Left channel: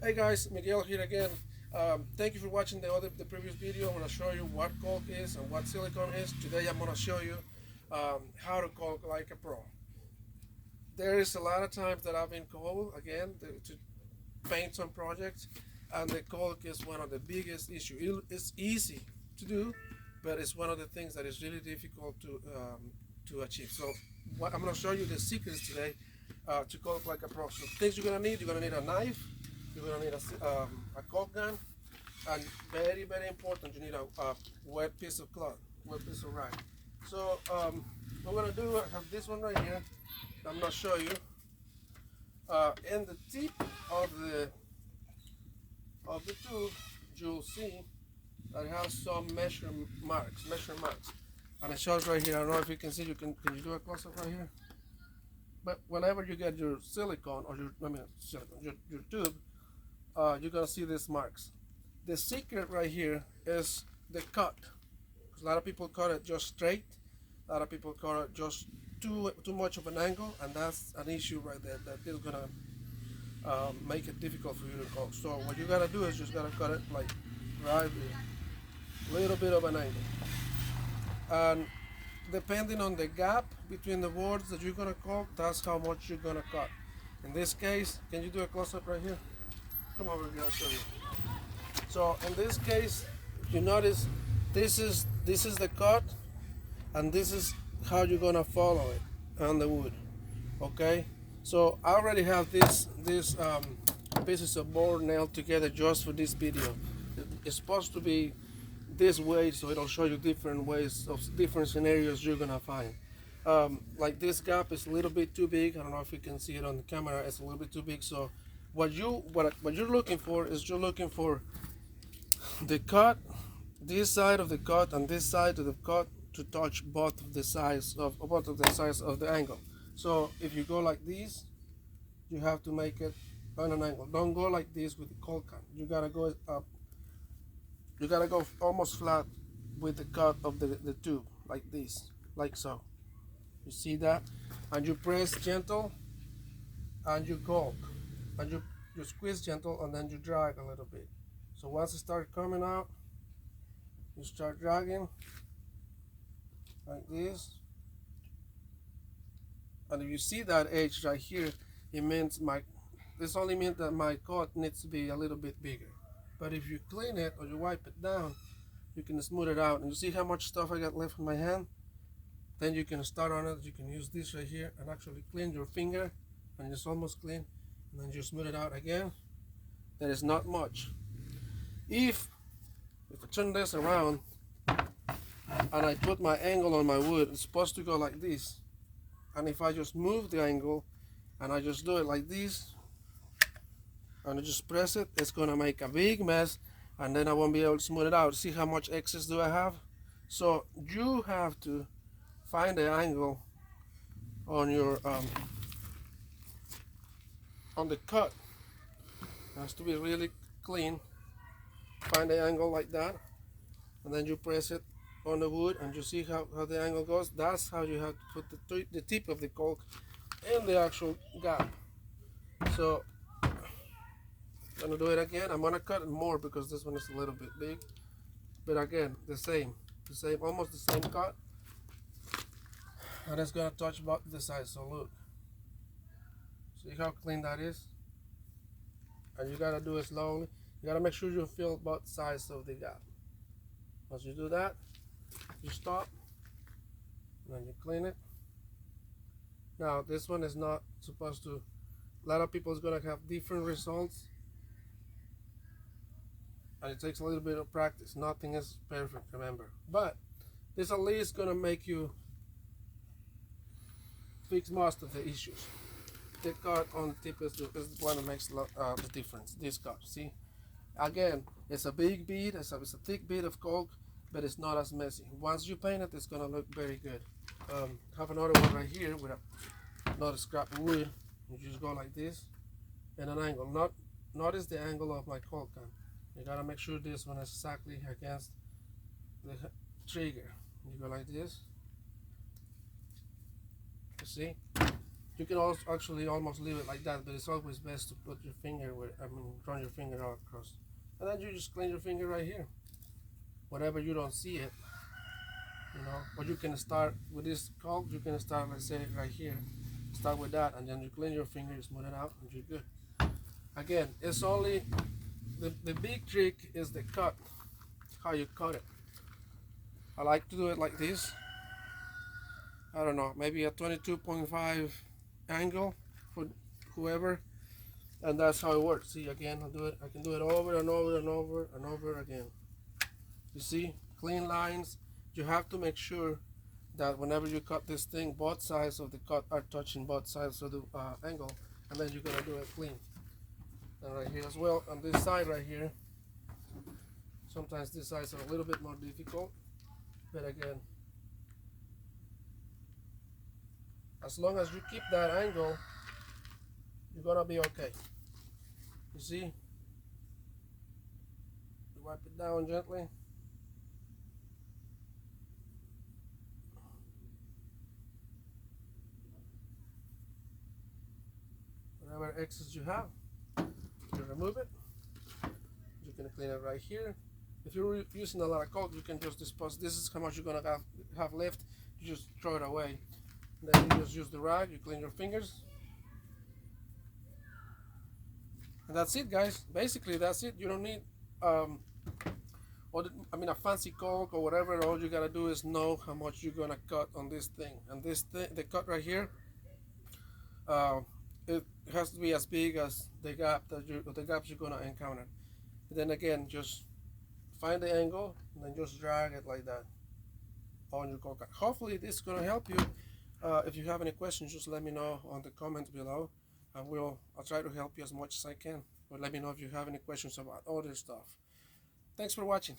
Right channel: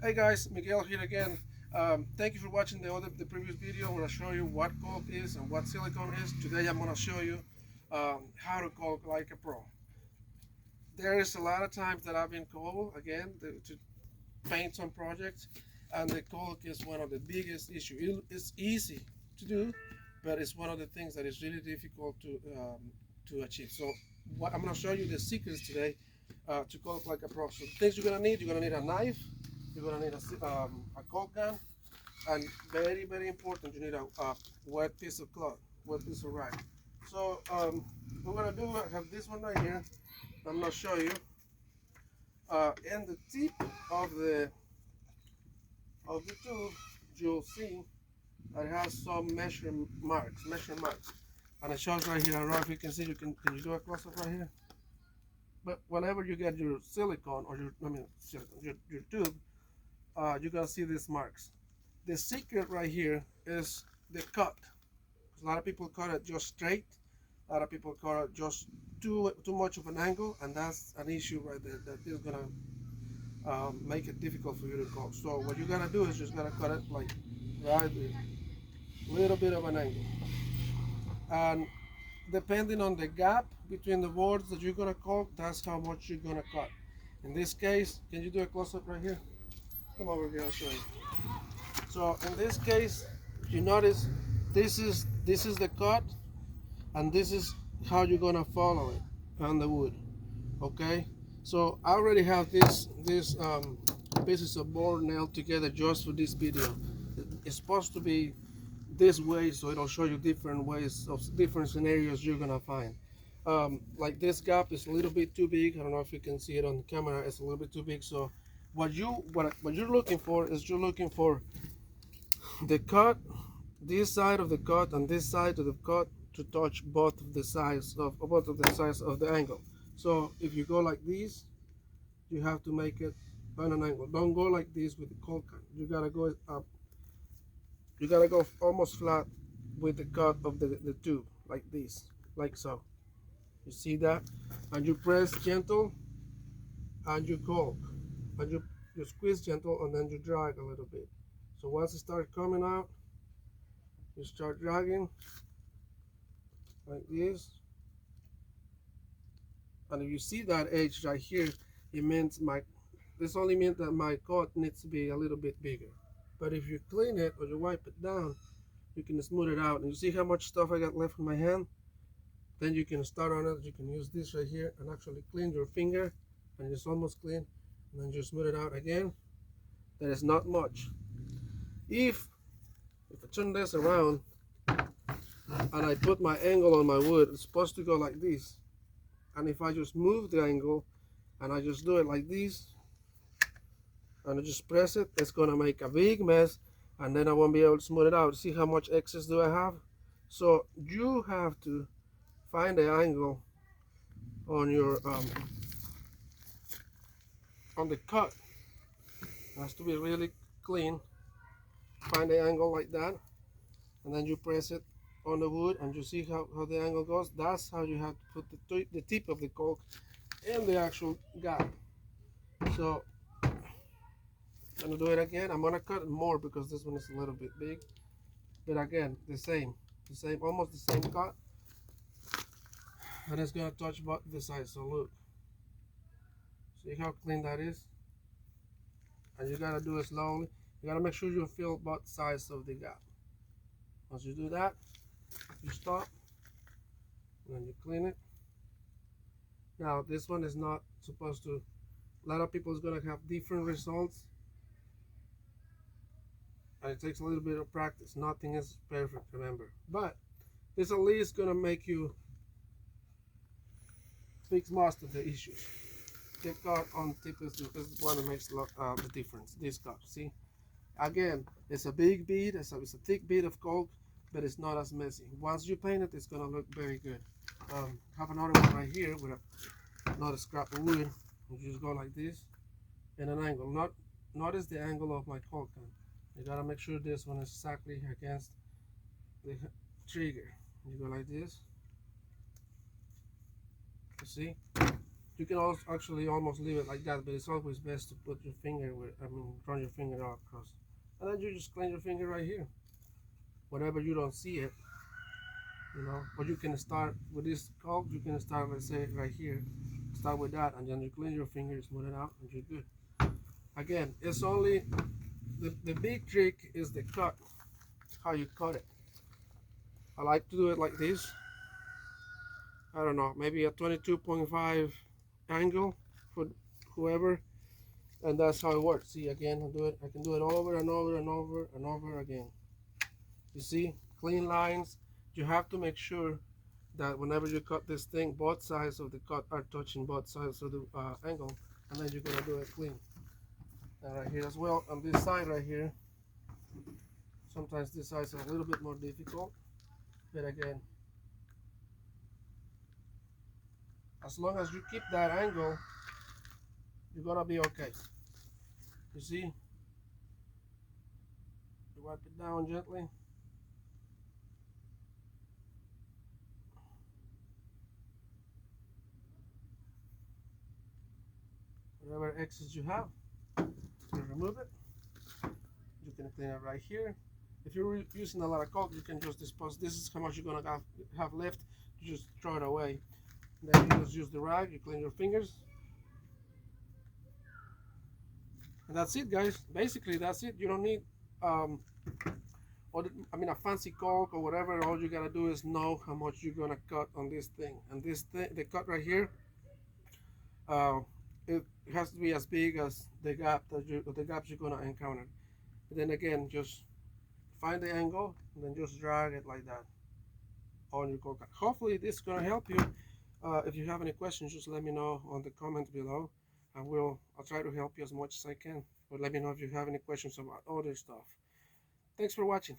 Hey guys, Miguel here again. Thank you for watching the previous video. I'm going to show you what caulk is and what silicone is. Today I'm going to show you how to caulk like a pro. There is a lot of times that I've been called again to paint some projects, and the caulk is one of the biggest issues. It's easy to do, but it's one of the things that is really difficult to achieve. So I'm going to show you the secrets today to caulk like a pro. So things you're going to need a knife. You're going to need a caulk gun, and very important, you need a wet piece of cloth, wet piece of rag. So what we're going to do, I have this one right here. I'm going to show you. In the tip of the tube, you'll see that it has some measure marks, and it shows right here. I don't know if you can see. Can you do a close up right here? But whenever you get your silicone or your tube, you're gonna see these marks. The secret right here is the cut. A lot of people cut it just straight. A lot of people cut it just too much of an angle, and that's an issue right there that is gonna make it difficult for you to caulk. So what you gotta do is just gotta cut it like right there, little bit of an angle, and depending on the gap between the boards that you're gonna caulk, that's how much you're gonna cut. In this case, can you do a close up right here? Come over here, I'll show you. So in this case, you notice this is the cut, and this is how you're gonna follow it on the wood. Okay, so I already have this pieces of board nailed together just for this video. It's supposed to be this way, so it'll show you different ways of different scenarios you're gonna find. Like this gap is a little bit too big. I don't know if you can see it on the camera. It's a little bit too big. So what you're looking for is you're looking for the cut, this side of the cut and this side of the cut to touch both of the sides of the angle. So if you go like this, you have to make it on an angle. Don't go like this with the caulk gun. You gotta go up. You gotta go almost flat with the cut of the tube, like this, like so. You see that? And you press gentle, and you caulk, and you squeeze gentle, and then you drag a little bit. So once it starts coming out, you start dragging like this. And if you see that edge right here, it means this only means that my cut needs to be a little bit bigger. But if you clean it or you wipe it down, you can smooth it out. And you see how much stuff I got left in my hand? Then you can start on it. You can use this right here and actually clean your finger, and it's almost clean. And then you smooth it out again. There is not much. If I turn this around and I put my angle on my wood, it's supposed to go like this. And if I just move the angle and I just do it like this, and I just press it, it's gonna make a big mess, and then I won't be able to smooth it out. See how much excess do I have? So you have to find the angle on your on the cut. It has to be really clean. Find the angle like that, and then you press it on the wood, and you see how the angle goes. That's how you have to put the tip of the caulk in the actual gap. So I'm gonna do it again. I'm gonna cut it more because this one is a little bit big, but again the same, almost the same cut, and it's gonna touch both the sides. So look, see how clean that is, and you gotta do it slowly. You gotta make sure you fill both sides of the gap. Once you do that, you stop, and then you clean it. Now this one is not supposed to. A lot of people is gonna have different results, and it takes a little bit of practice. Nothing is perfect, remember, but this at least gonna make you fix most of the issues. The cut on the tip is the one that makes the difference. This cut, see, again, it's a big bead, it's a thick bead of caulk, but it's not as messy. Once you paint it, it's gonna look very good. Have another one right here with another scrap of wood. You just go like this in an angle. Notice the angle of my caulk gun. You gotta make sure this one is exactly against the trigger. You go like this. You see? You can also actually almost leave it like that, but it's always best to put your finger where, run your finger all across. And then you just clean your finger right here. Whenever you don't see it, you know, or you can start with this caulk, you can start, let's say, right here. Start with that, and then you clean your finger, smooth it out, and you're good. Again, it's only, the big trick is the cut, how you cut it. I like to do it like this. I don't know, maybe a 22.5 angle for whoever, and that's how it works. See, again, I can do it over and over and over and over again. You see, clean lines. You have to make sure that whenever you cut this thing, both sides of the cut are touching both sides of the angle, and then you're gonna do it clean. And right here as well, on this side right here, sometimes these sides are a little bit more difficult, but again, as long as you keep that angle, you're gonna be okay. You see? You wipe it down gently. Whatever excess you have, you remove it. You can clean it right here. If you're using a lot of caulk, you can just dispose. This is how much you're gonna have left. You just throw it away. Then you just use the rag. You clean your fingers, and that's it, guys. Basically, that's it. You don't need a fancy caulk or whatever. All you gotta do is know how much you're gonna cut on this thing. And this thing, the cut right here, it has to be as big as the gaps you're gonna encounter. And then again, just find the angle and then just drag it like that on your caulk. Hopefully this is gonna help you. If you have any questions, just let me know on the comments below, and I'll try to help you as much as I can. But let me know if you have any questions about other stuff. Thanks for watching.